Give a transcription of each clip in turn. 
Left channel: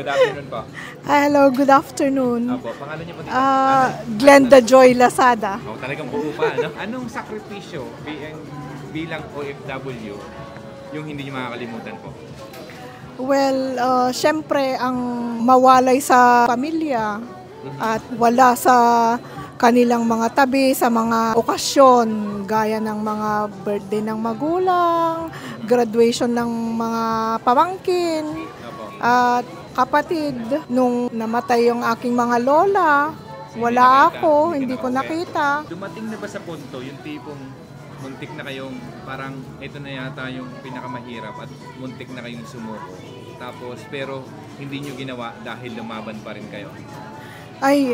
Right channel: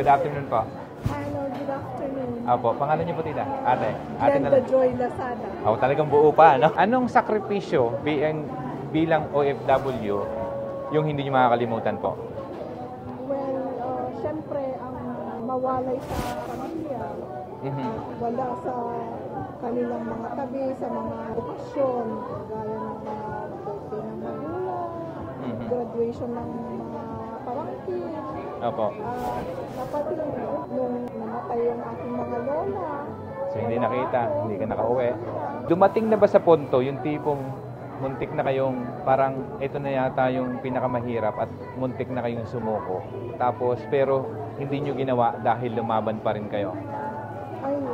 Good afternoon po. Hello, good afternoon. Opo, pangalan niyo po dito? Glenda Joy Lazada. Talagang buo pa, ano? Anong sakripisyo bilang OFW yung hindi niyo makakalimutan po? Well, syempre ang mawalay sa pamilya at wala sa kanilang mga tabi sa mga okasyon gaya ng mga birthday ng magulang, graduation ng mga pamangkin, at kapatid. Nung namatay yung aking mga lola, wala ako, hindi ko nakita. Dumating na ba sa punto yung tipong muntik na kayong parang ito na yata yung pinakamahirap at muntik na kayong sumuko? Tapos pero hindi nyo ginawa dahil lumaban pa rin kayo? Ay,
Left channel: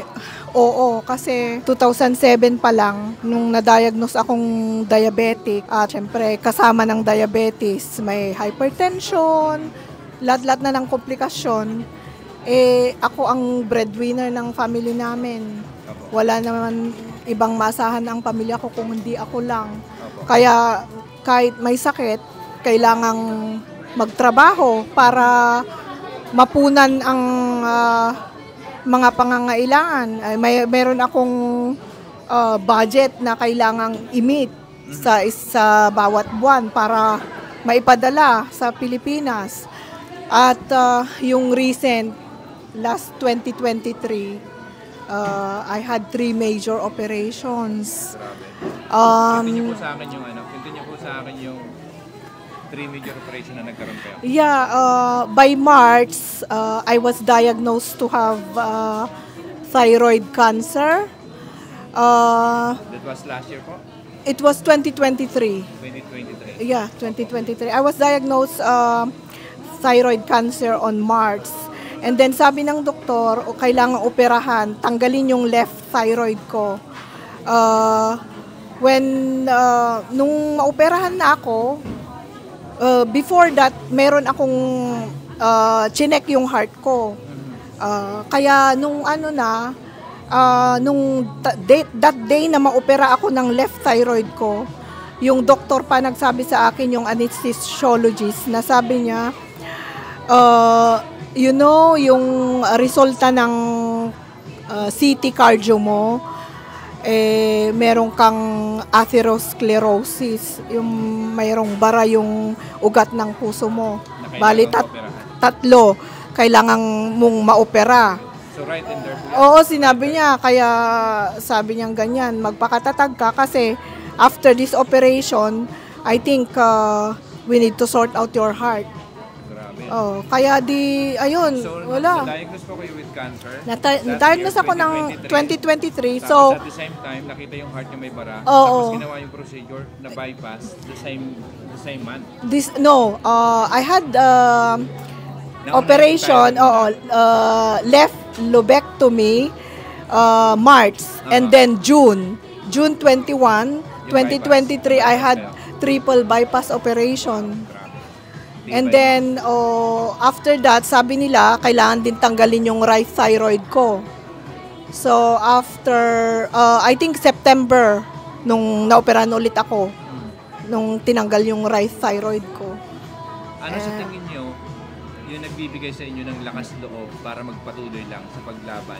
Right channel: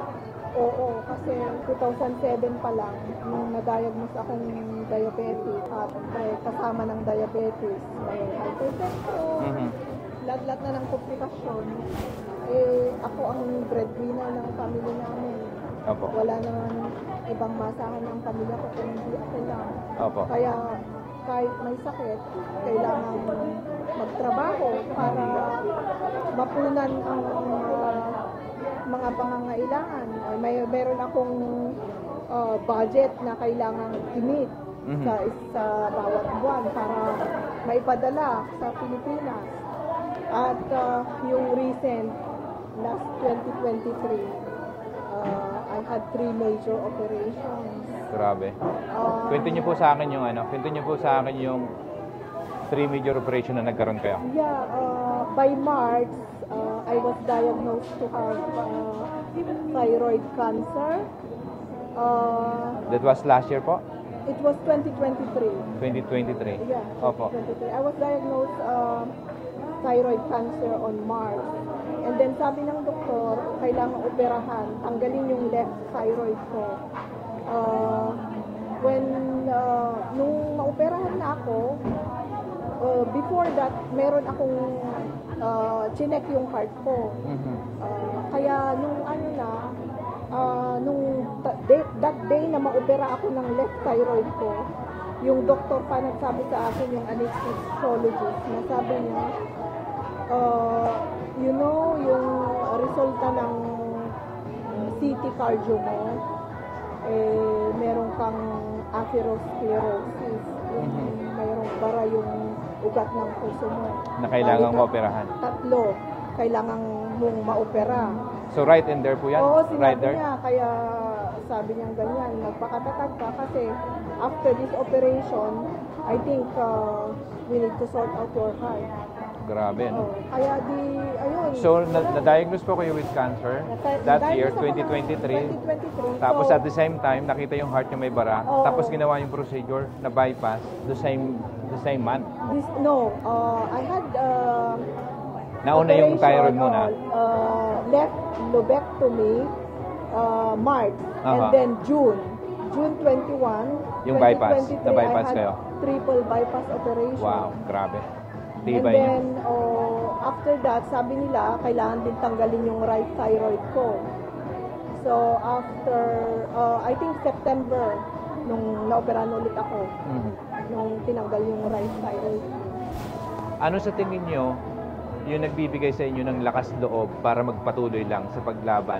oo. Kasi 2007 pa lang, nung na-diagnose akong diabetic, at syempre kasama ng diabetes, may hypertension, lahat-lahat na ng komplikasyon, ako ang breadwinner ng family namin. Wala naman ibang maasahan ang pamilya ko kung hindi ako lang. Kaya kahit may sakit, kailangang magtrabaho para mapunan ang mga pangangailangan. Meron akong budget na kailangang i-meet sa bawat buwan para maipadala sa Pilipinas. At yung recent, last 2023, I had 3 major operations. Grabe. Kwento niyo po sa akin yung 3 major operation na nagkaroon kayo? Yeah, by March, I was diagnosed to have thyroid cancer. That was last year po? It was 2023. 2023? Yeah, 2023. I was diagnosed thyroid cancer on March. And then sabi ng doktor, kailangan operahan, tanggalin yung left thyroid ko. Nung maoperahan na ako, before that, meron akong chinek yung heart ko. Kaya nung that day na maopera ako ng left thyroid ko, yung doktor pa nagsabi sa akin, yung anesthesiologist, na sabi niya, yung resulta ng CT cardio mo, meron kang atherosclerosis, yung mayroong bara yung ugat ng puso mo. Bali, 3 kailangan mong maopera. So right in there po yan? Oo, sinabi niya. Kaya sabi niya ganyan, magpakatatag ka kasi after this operation, I think we need to sort out your heart. Grabe. Kaya ayun, so, wala. Na-diagnose po kayo with cancer? Na-diagnose ako ng 2023. Tapos So, at the same time, nakita yung heart niya may bara. Oo. Tapos ginawa yung procedure na bypass the same month. I had operation, left lobectomy, March, and then June 21, 2023, I had triple bypass operation. Wow, grabe. And then, after that, sabi nila, kailangan din tanggalin yung right thyroid ko. So, after, I think September, nung naoperahan ulit ako, nung tinanggal yung right thyroid ko. Ano sa tingin nyo, yung nagbibigay sa inyo ng lakas loob para magpatuloy lang sa paglaban?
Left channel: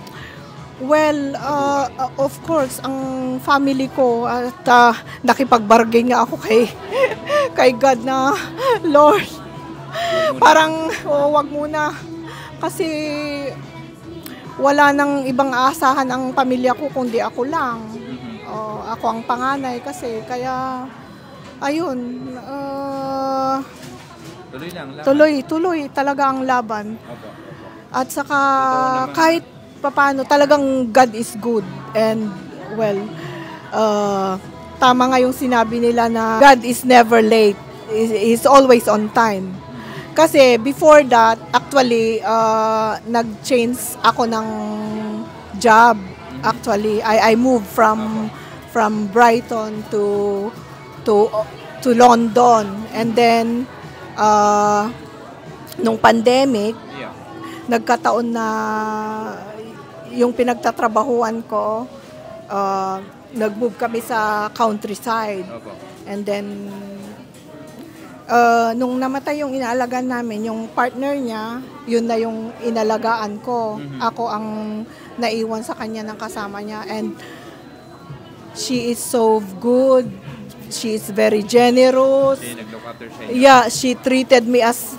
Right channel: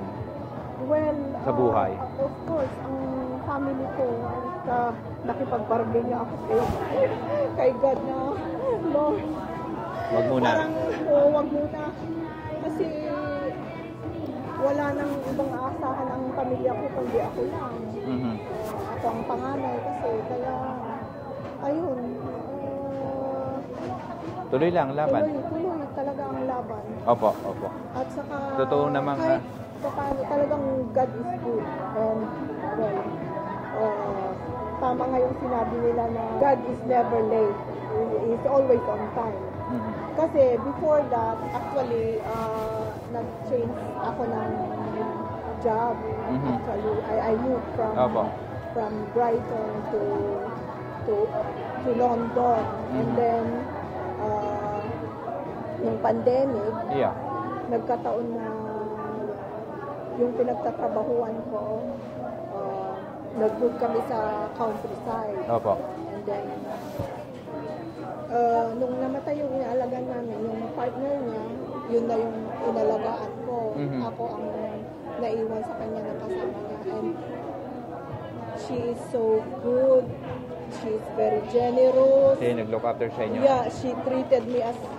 Well, of course, ang family ko, at nakipag-bargain nga ako kay God na, Lord, parang, wag muna. Kasi wala nang ibang aasahan ang pamilya ko kundi ako lang. Ako ang panganay kasi. Kaya, ayun. Tuloy lang, laban. Tuloy talaga ang laban. Opo. At saka, kahit paano, talagang God is good. And, well, tama nga yung sinabi nila na God is never late. He's always on time. Kasi before that, actually, nag-change ako ng job. Actually, I moved from Brighton to London. And then, nung pandemic, nagkataon na yung pinagtatrabahuan ko, nag-move kami sa countryside. And then, Nung namatay yung inaalagaan namin, yung partner niya, yun na yung inalagaan ko. Ako ang naiwan sa kanya ng kasama niya. And she is so good. She is very generous. Nag-look after siya. Yeah, she treated me as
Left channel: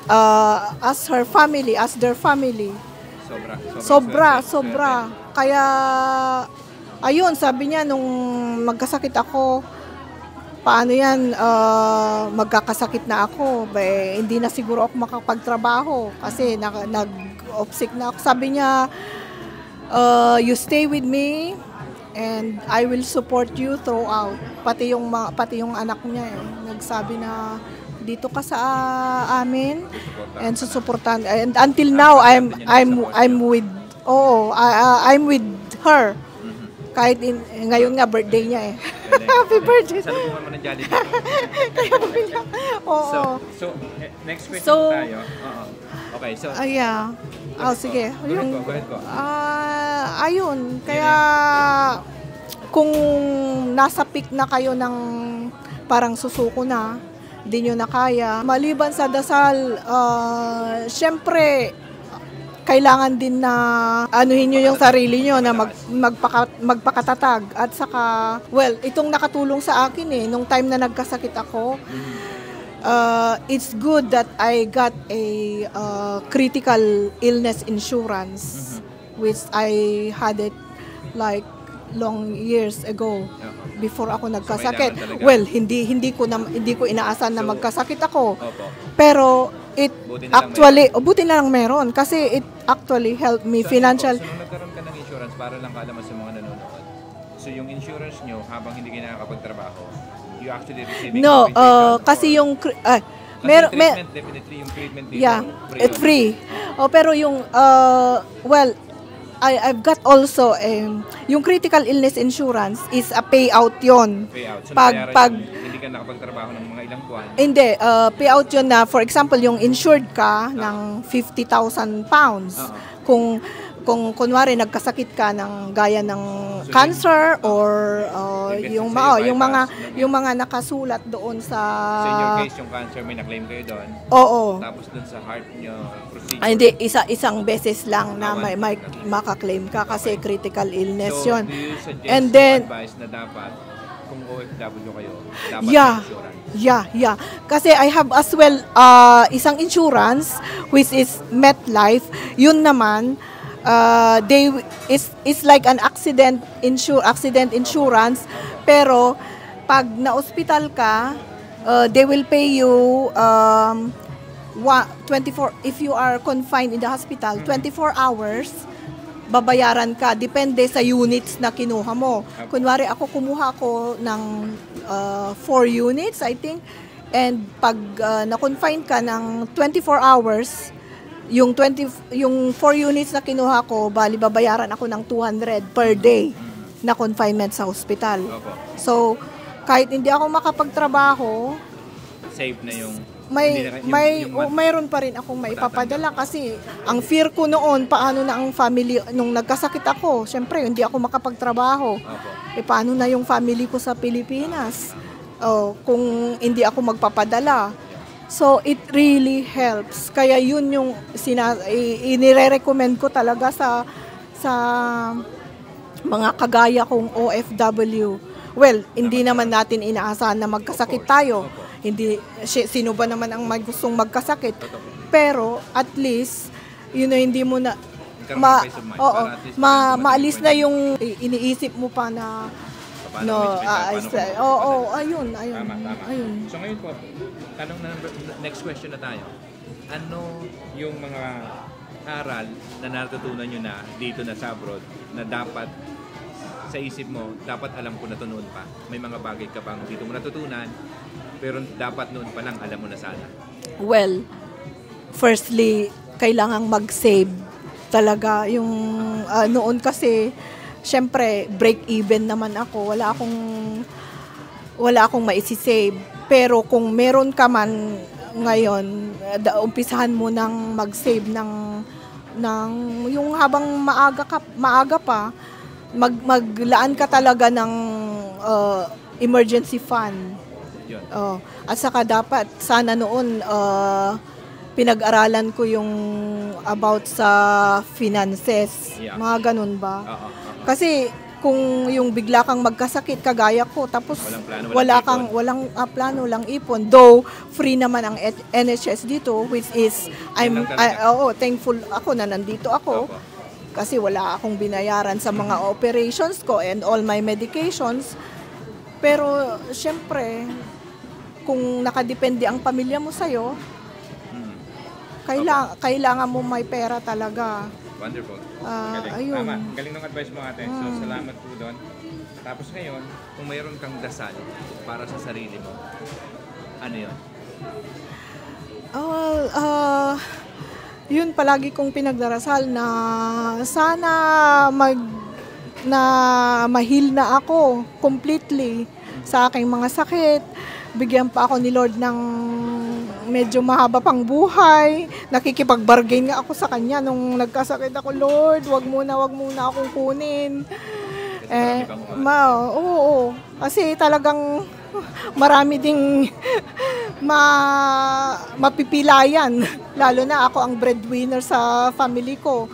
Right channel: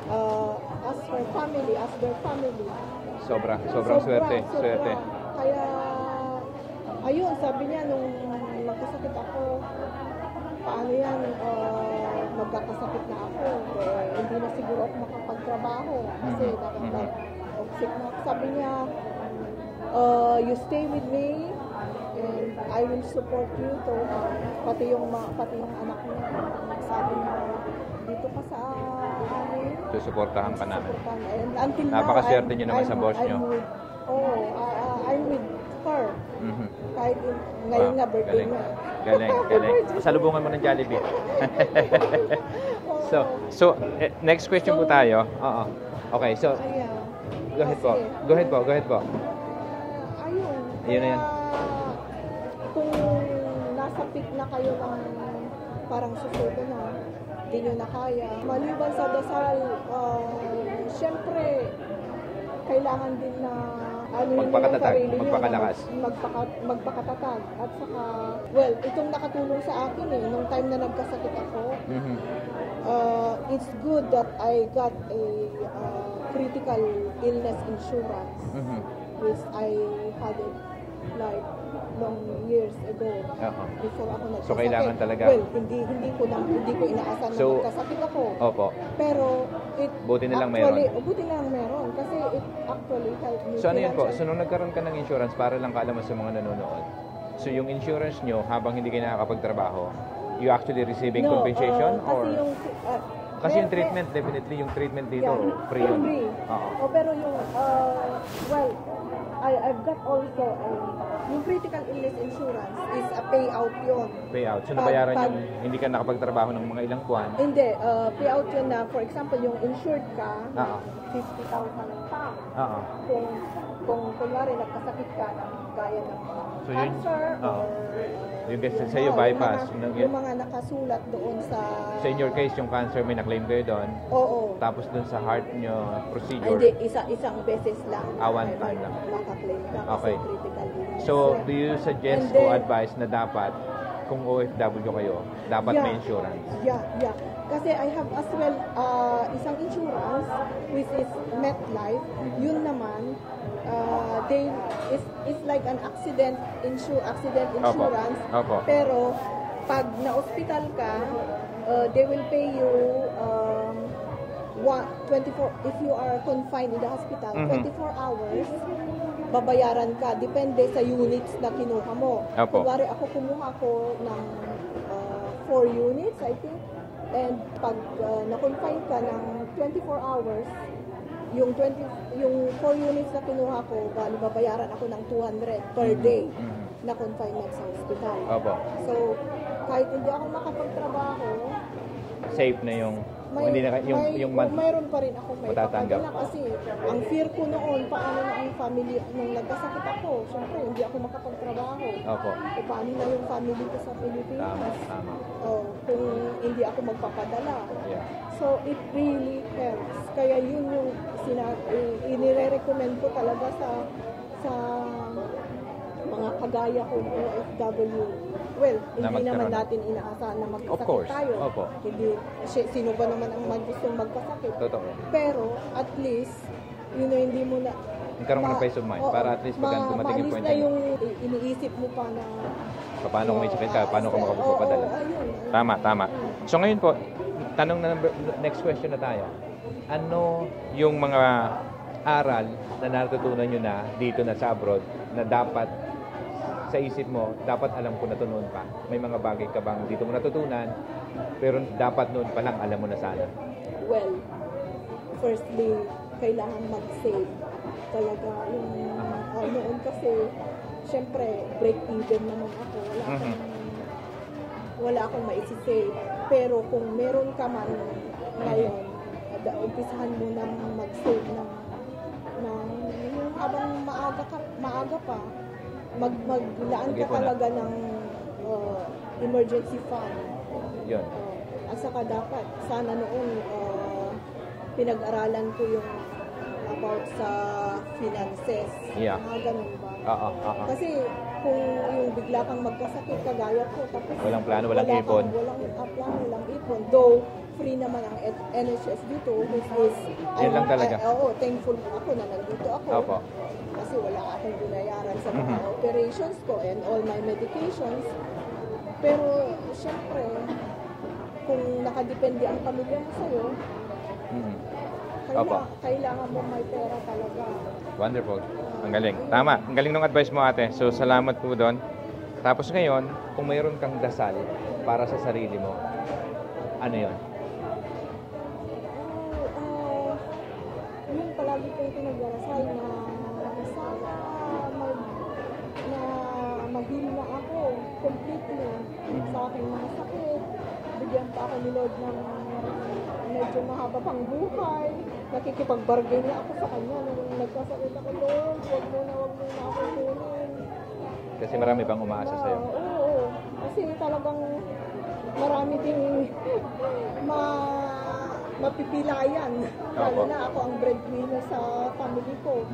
her family, as their family. Sobra. Kaya, ayun, sabi niya nung magkasakit ako, paano yan, magkakasakit na ako. Hindi na siguro ako makapagtrabaho kasi nag-off-sick na ako. Sabi niya, you stay with me and I will support you throughout. Pati yung anak niya nagsabi na dito ka sa amin and susuportahan. And until now I'm with her. Kahit ngayon nga birthday niya Happy birthday. Salubungan mo ng Jollibee. So next question po tayo. Okay, so yeah. Sige. Go ahead po. Ayun, kaya kung nasa peak na kayo ng parang susuko na, di nyo na kaya. Maliban sa dasal, syempre, kailangan din na anuhin nyo yung sarili nyo na magpakatatag. At saka, itong nakatulong sa akin nung time na nagkasakit ako, it's good that I got a critical illness insurance, which I had it like long years ago before ako nagkasakit. Hindi ko inaasahan na magkasakit ako. Pero buti na lang meron kasi it actually helped me financial. So nung nagkaroon ka ng insurance, para lang kaalaman sa mga nanonood. So yung insurance nyo, habang hindi kayo nakakapagtrabaho, you actually receiving compensation? Kasi yung treatment, definitely yung treatment dito. Yeah, it's free. Pero yung I've got also yung critical illness insurance is a payout yon. Payout. So pag hindi ka nakapagtrabaho ng mga ilang buwan. Hindi, payout yon na for example yung insured ka ng 50,000 pounds. Kung kunwari nagkasakit ka ng gaya ng cancer or yung mga nakasulat doon sa in your case yung cancer may na-claim kayo doon. Oo. Tapos doon sa heart nyo procedure. Hindi, isang beses lang na may maka-claim ka kasi critical illness so, yun. So do you suggest and then advice na dapat kung OFW kayo, dapat insurance? Yeah. Kasi I have as well isang insurance which is MetLife. Yun naman it's like an accident insurance. Pero pag na-hospital ka, they will pay you 24 if you are confined in the hospital, 24 hours babayaran ka depende sa units na kinuha mo. Kunwari ako kumuha ko ng 4 units I think, and pag na-confine ka ng 24 hours, yung 4 units na kinuha ko, bali babayaran ako ng 200 per day na confinement sa hospital. So, kahit hindi ako makapagtrabaho, safe na yung mayroon pa rin akong maipapadala kasi ang fear ko noon, paano na ang family nung nagkasakit ako, syempre hindi ako makapagtrabaho. Paano na yung family ko sa Pilipinas? Kung hindi ako magpapadala. So, it really helps. Kaya yun yung inire-recommend ko talaga sa mga kagaya kong OFW. Hindi naman natin inaasahan na magkasakit tayo. Hindi, sino ba naman ang may gustong magkasakit? Pero, at least, hindi mo na maalis na yung iniisip mo pa na ayun. Tama. Ayun. So, ngayon po, tanong na next question na tayo. Ano yung mga aral na natutunan nyo na dito na sa abroad na dapat sa isip mo, dapat alam ko na to noon pa? May mga bagay ka bang dito mo natutunan pero dapat noon pa lang alam mo na sana? Firstly, kailangang mag-save talaga. Yung noon kasi, syempre, break-even naman ako. Wala akong maisisave. Pero kung meron ka man ngayon, umpisahan mo nang mag-save ng yung habang maaga pa, maglaan ka talaga ng emergency fund Yun. At saka dapat, sana noon, pinag-aralan ko yung about sa finances. Yeah. Mga ganun ba? Kasi kung yung bigla kang magkasakit kagaya ko, tapos Walang plano, walang plano, walang ipon. Though free naman ang NHS dito, which is Yan lang talaga. thankful ako na nandito ako. Opo. Kasi wala akong binayaran sa mga operations ko and all my medications. Pero syempre, kung nakadepende ang pamilya mo sa'yo, kailangan mo may pera talaga. Wonderful. Ang galing. Ayun. Tama. Ang galing ng advice mo, ate. So, salamat po doon. Tapos ngayon, kung mayroon kang dasal para sa sarili mo, ano yun? Yun palagi kong pinagdarasal na sana mahil na ako completely sa aking mga sakit. Bigyan pa ako ni Lord ng medyo mahaba pang buhay. Nakikipag-bargain nga ako sa Kanya nung nagkasakit ako, Lord, wag muna akong kunin. Kasi marami pang umaatid. Oo. Kasi talagang marami ding mapipilayan. Lalo na ako ang breadwinner sa family ko.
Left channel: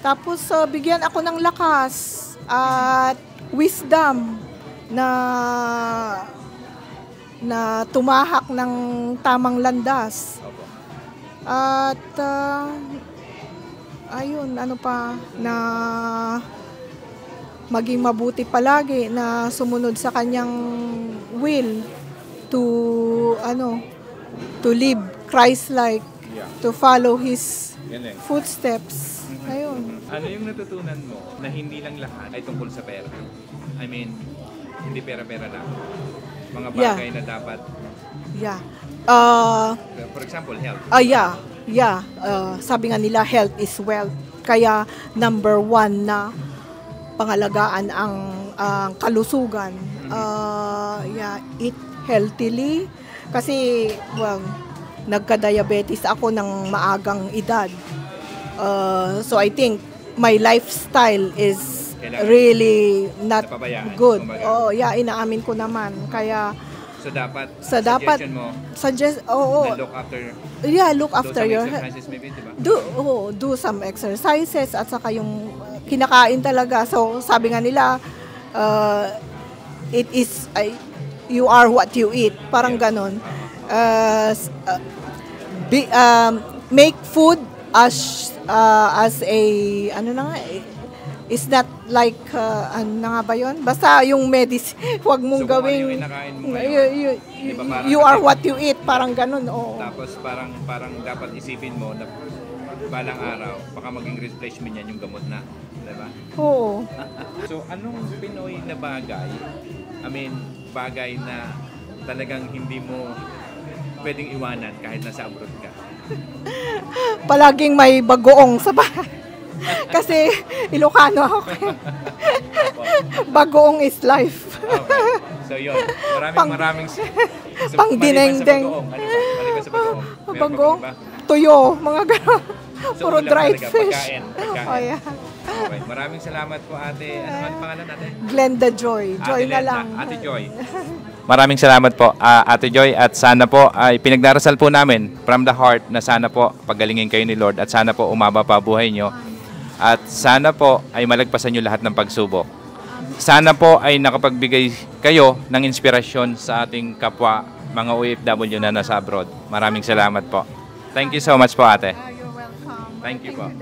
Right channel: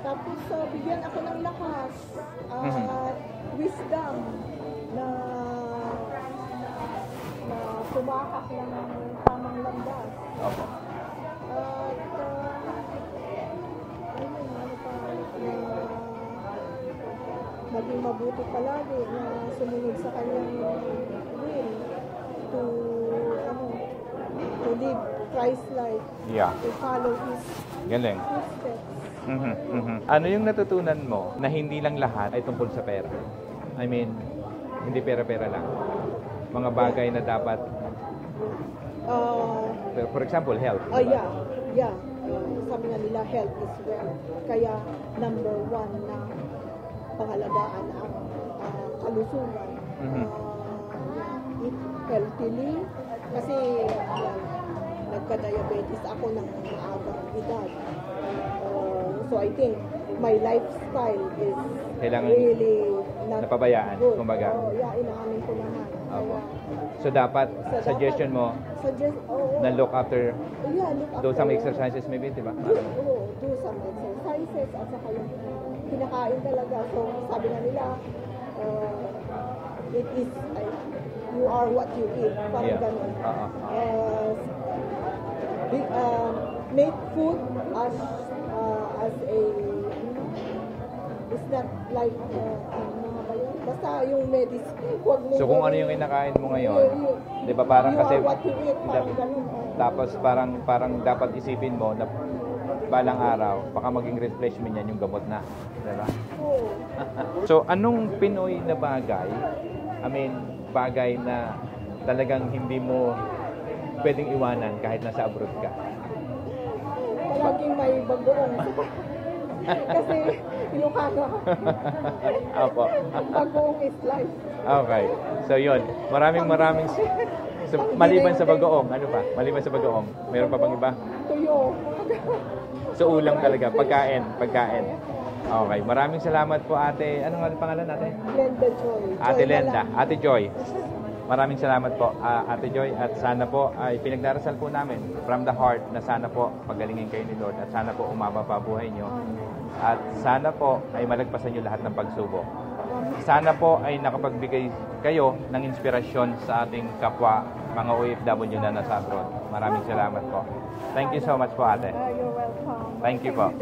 Tapos bigyan ako ng lakas at wisdom na tumahak ng tamang landas. At ayun, ano pa, na maging mabuti palagi, na sumunod sa kanyang will to live Christ-like, to follow His Galing. footsteps. Ayun. Ano yung natutunan mo na hindi lang lahat ay tungkol sa pera? I mean, hindi pera-pera lang. Mga bagay na dapat, Yeah. for example, health. Sabi nga nila, health is wealth. Kaya number 1 na pangalagaan ang kalusugan. Eat healthily. Kasi, nagka-diabetes ako ng maagang edad. So I think my lifestyle is really not napabayaan, good. kumbaga. Inaamin ko naman. Kaya So dapat, dapat suggestion mo, na look after, look after do some your exercises maybe, di ba? do some exercises at saka yung kinakain talaga. So sabi nga nila, you are what you eat. Parang ganon. Make food as a is not like ano na nga ba yun? Basta yung medicine, huwag mong So, kung gawing ano yung inakain mo ngayon, diba, parang you are kasi- what you eat, parang ganun. Tapos parang dapat isipin mo na balang araw, baka maging replacement yan yung gamot na. Diba? Oo. So, anong Pinoy na bagay, bagay na talagang hindi mo pwedeng iwanan kahit nasa abroad ka? Palaging may bagoong sa bahay. Kasi Ilocano ako. Bagoong is life. Okay. So, yun. Maraming so, pang maliban sa dinengdeng. bagoong, ano ba? Maliban sa bagoong. Meron pa Bagoong, bang iba? tuyo, mga gano'n. So, Puro ulam dried talaga, fish. pagkain. Oh, yeah. Okay, maraming salamat po, ate. Ano pangalan natin? Glenda Joy. Joy na lang. Ate Joy. Maraming salamat po, Ate Joy, at sana po ay pinagdarasal po namin from the heart na sana po pagalingin kayo ni Lord at sana po umaba pa buhay nyo at sana po ay malagpasan nyo lahat ng pagsubok. Sana po ay nakapagbigay kayo ng inspirasyon sa ating kapwa mga OFW na nasa abroad. Maraming salamat po. Thank you so much po, ate. You're welcome. Thank you po.